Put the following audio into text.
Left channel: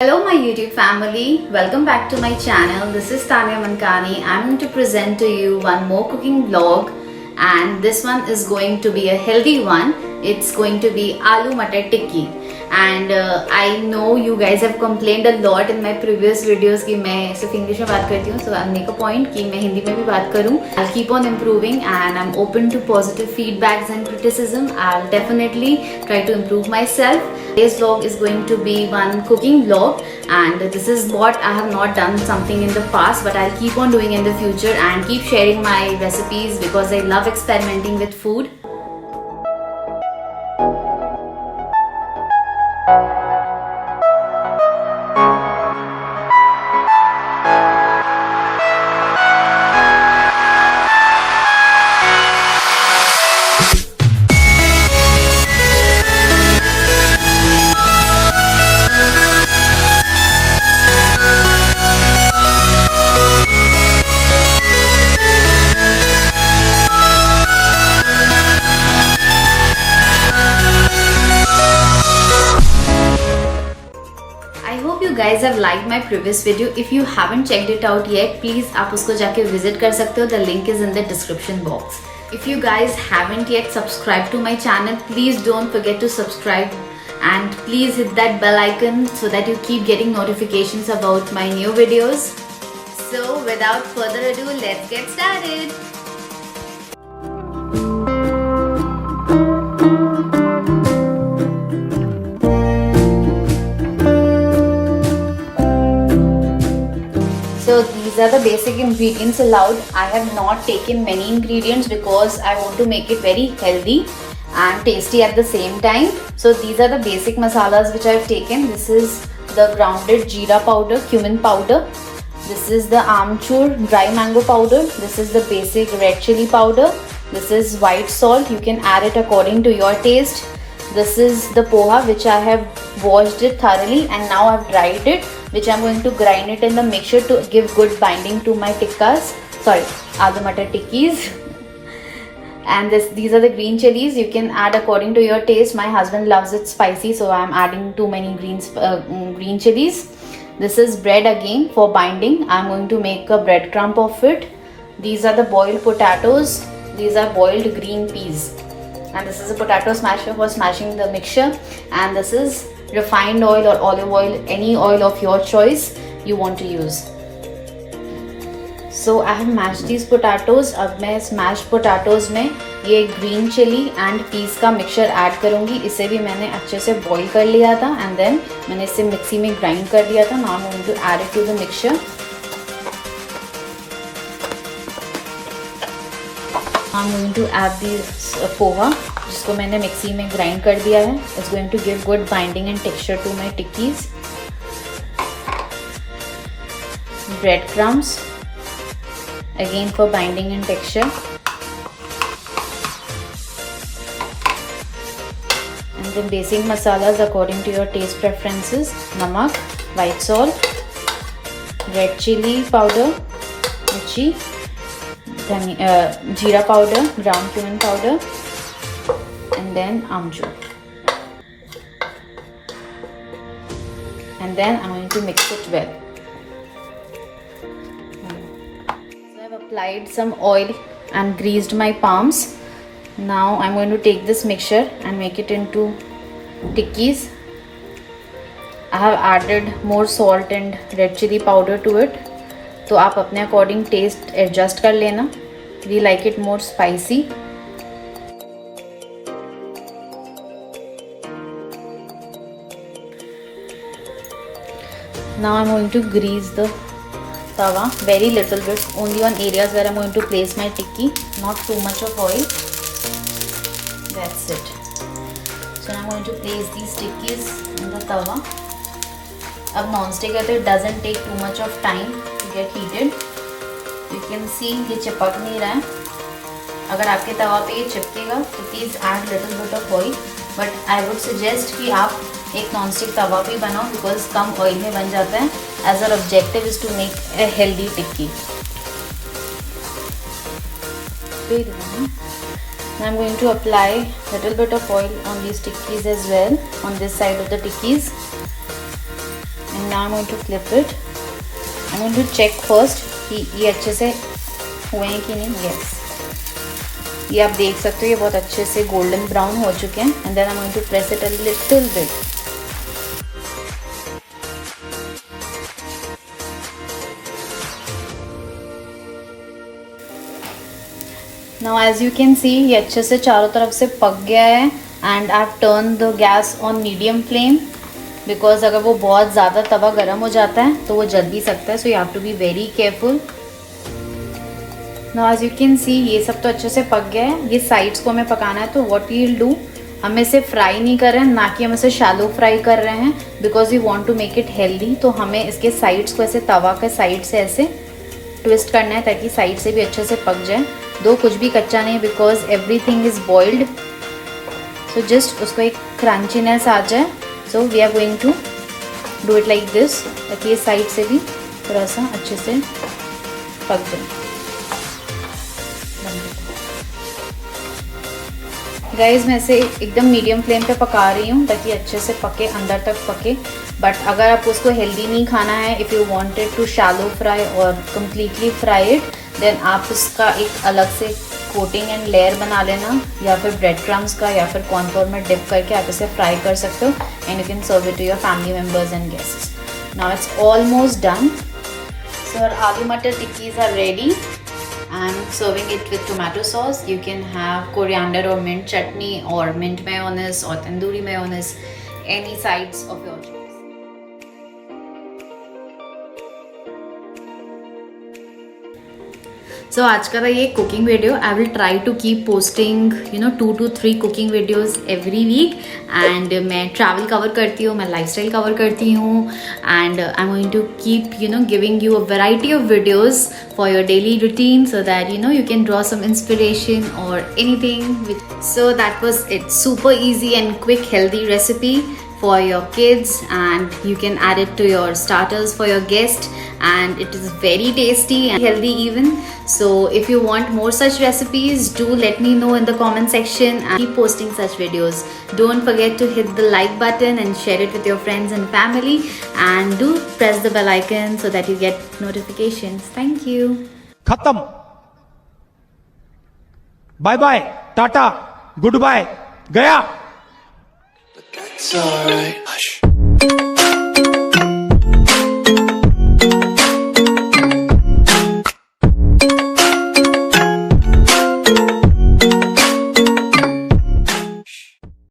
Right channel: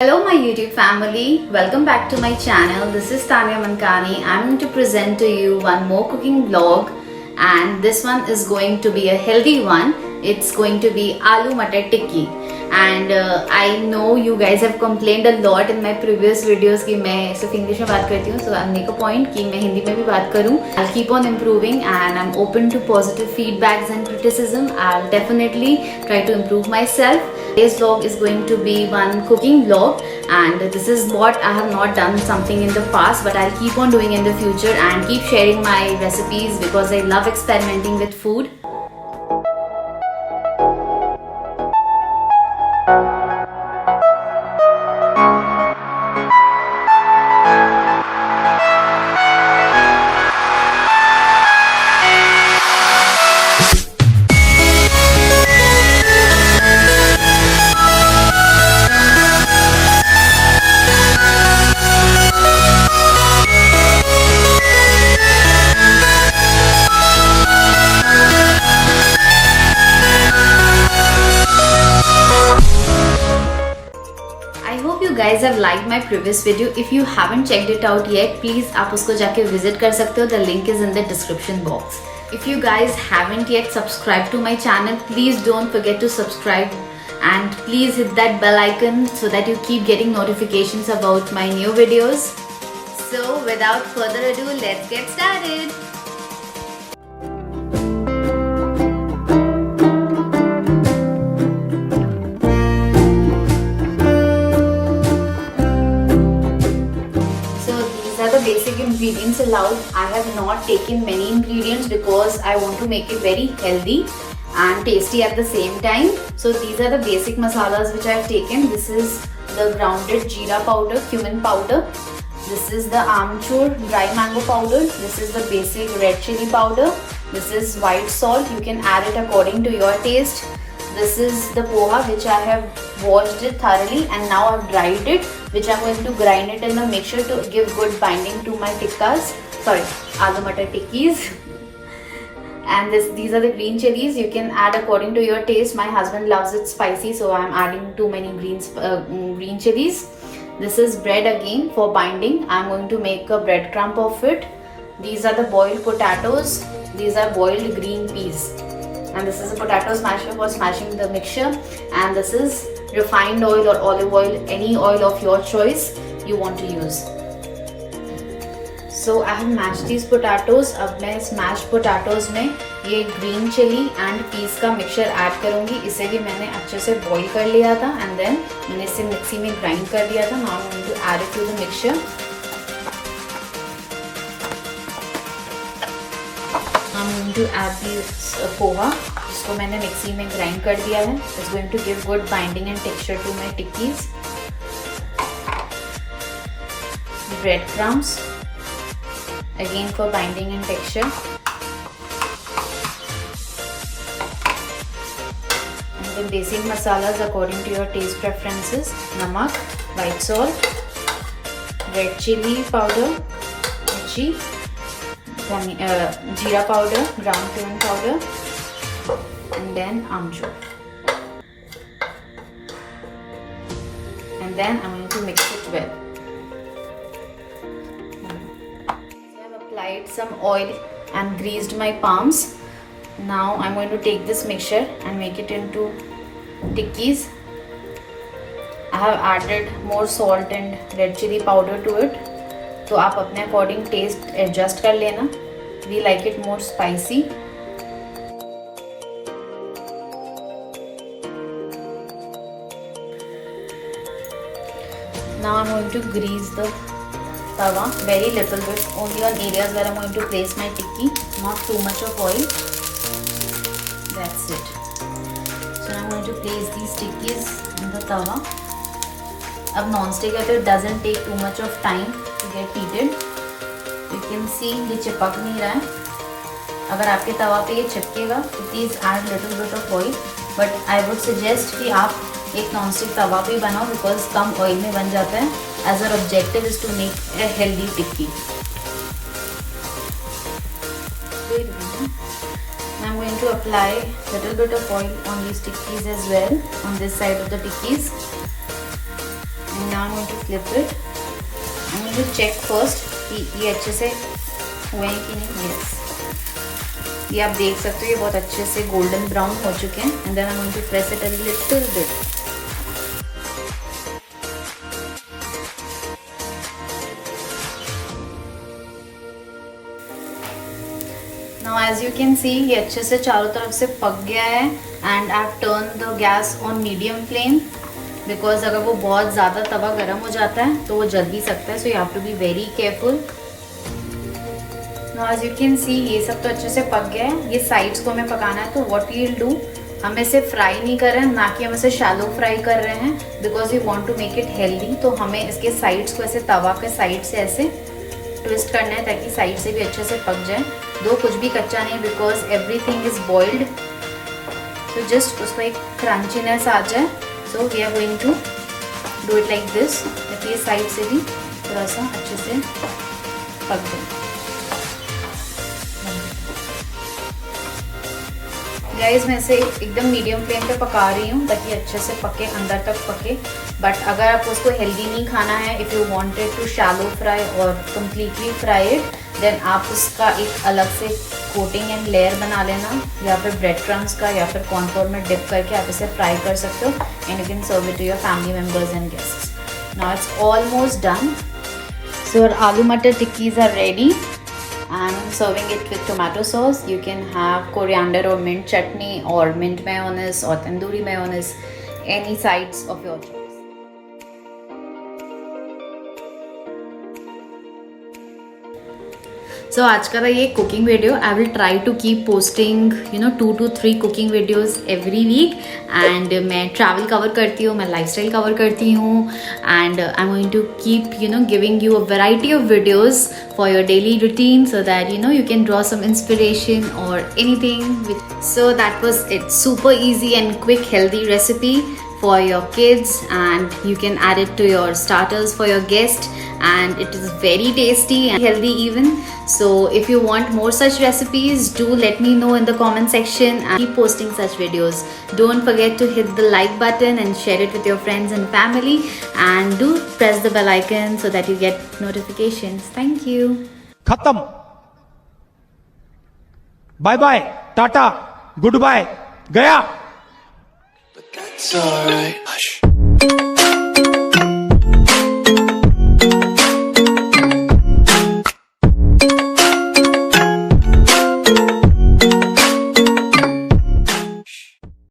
Hello my YouTube family, welcome back to my channel. This is Tanya Mankani. I'm going to present to you one more cooking vlog and this one is going to be a healthy one. It's going to be Aloo Matar Tikki. And I know you guys have complained a lot in my previous videos कि मैं सिर्फ English में बात करती हूँ, so I'll make a point कि मैं हिंदी में भी बात करूँ. I'll keep on improving and I'm open to positive feedbacks and criticism. I'll definitely try to improve myself. Today's vlog is going to be one cooking vlog and this is what I have not done something in the past, but I'll keep on doing in the future and keep sharing my recipes because I love experimenting with food. You guys have liked my previous video. If you haven't checked it out yet, please आप उसको जाके visit कर सकते हो. The link is in the description box. If you guys haven't yet subscribed to my channel, please don't forget to subscribe and please hit that bell icon so that you keep getting notifications about my new videos. So without further ado, let's get started. These are the basic ingredients allowed. I have not taken many ingredients because I want to make it very healthy and tasty at the same time. So these are the basic masalas which I have taken. This is the grounded jeera powder, cumin powder. This is the amchur dry mango powder. This is the basic red chili powder. This is white salt. You can add it according to your taste. This is the poha which I have washed it thoroughly and now I've dried it, which I'm going to grind it in the mixture to give good binding to my tikkas. Sorry, aloo matar tikkis. And these are the green chilies. You can add according to your taste. My husband loves it spicy, so I'm adding too many green chilies. This is bread again for binding. I'm going to make a bread crumb of it. These are the boiled potatoes. These are boiled green peas. And this is a potato smasher for smashing the mixture. And this is refined oil or olive oil, any oil of your choice you want to use. So I have mashed these potatoes. अब मैं smashed potatoes में ये green chili and peas का mixture add करूँगी. इसे भी मैंने अच्छे से boil कर लिया था and then मैंने इसे मिक्सी में grind कर दिया था. Now I'm going to add it to the mixture. I'm going to add this poha जिसको मैंने मिक्सी में ग्राइंड कर दिया है. It's going to give good binding and texture to my tikkis. Bread crumbs again for binding and texture. And the basic masalas according to your taste preferences: namak, white salt, red chili powder, miर्ची, jeera powder, ground cumin powder, and then amchur. And then I'm going to mix it well. I have applied some oil and greased my palms. Now I'm going to take this mixture and make it into tikkis. I have added more salt and red chili powder to it. तो आप अपने according taste adjust कर लेना. We like it more spicy. Now I'm going to grease the tawa very little bit, only on areas where I'm going to place my tikki, not too much of oil. That's it. So now I'm going to place these tikkis in the tawa. अब non-stick है तो it doesn't take too much of time to get heated. You can see ये चिपक नहीं रहा है. अगर आपके तवा पे ये चिपकेगा तो please add little bit of oil. But I would suggest कि आप एक non-stick तवा पे बनाओ because कम oil में बन जाता है. As our objective is to make a healthy tikki. Now I'm going to apply a little bit of oil on these tikkis as well, on this side of the tikkis. flip it. I'm going to check first कि ये अच्छे से हुए हैं कि नहीं. Yes. ये आप देख सकते हो ये बहुत अच्छे से गोल्डन ब्राउन हो चुके हैं. And then I'm going to press it a little bit. Now as you can see ये अच्छे से चारों तरफ से पक गया है. And I've turned the gas on medium flame because अगर वो बहुत ज़्यादा तवा गर्म हो जाता है तो वो जल भी सकता है. So you have to be very careful. Now as you can see ये सब तो अच्छे से पक गया है. ये साइड्स को हमें पकाना है. तो what we'll do, हम इसे फ्राई नहीं कर रहे हैं, ना कि हम इसे शैलो फ्राई कर रहे हैं because we want to make it healthy. तो हमें इसके साइड्स को ऐसे तवा के साइड से ऐसे ट्विस्ट करना है ताकि साइड से भी अच्छे से पक जाए. दो कुछ भी कच्चा नहीं because everything is boiled. So just उसको एक क्रंचीनेस आ जाए. So we are going to do it like this ताकि ये साइड से भी थोड़ा सा अच्छे से पक जाए. गाइस मैं इसे एकदम मीडियम फ्लेम पे पका रही हूँ ताकि अच्छे से पके, अंदर तक पके. बट अगर आप उसको हेल्दी नहीं खाना है, if you wanted to shallow fry और कम्प्लीटली फ्राई इट, देन आप उसका एक अलग से कोटिंग एंड लेयर बना लेना, या फिर ब्रेड क्रम्स का या फिर कॉर्नफ्लोर में डिप करके आप इसे फ्राई कर सकते हो. And you can serve it to your family members and guests. Now it's almost done. So your aloo matar tikkis are ready. I'm serving it with tomato sauce. You can have coriander or mint chutney or mint mayonnaise or tandoori mayonnaise, any sides of your choice. So आज का था ये cooking video. I will try to keep posting 2 to 3 cooking videos every week. And मैं travel cover करती हूँ, मैं lifestyle cover करती हूँ. And I am going to keep giving you a variety of videos for your daily routine so that you can draw some inspiration or anything. So that was it. Super easy and quick healthy recipe for your kids, and you can add it to your starters for your guest, and it is very tasty and healthy even. So if you want more such recipes, do let me know in the comment section and keep posting such videos. Don't forget to hit the like button and share it with your friends and family, and do press the bell icon so that you get notifications. Thank you. खत्म. Bye bye, tata, goodbye, गया. But that's alright. Hush.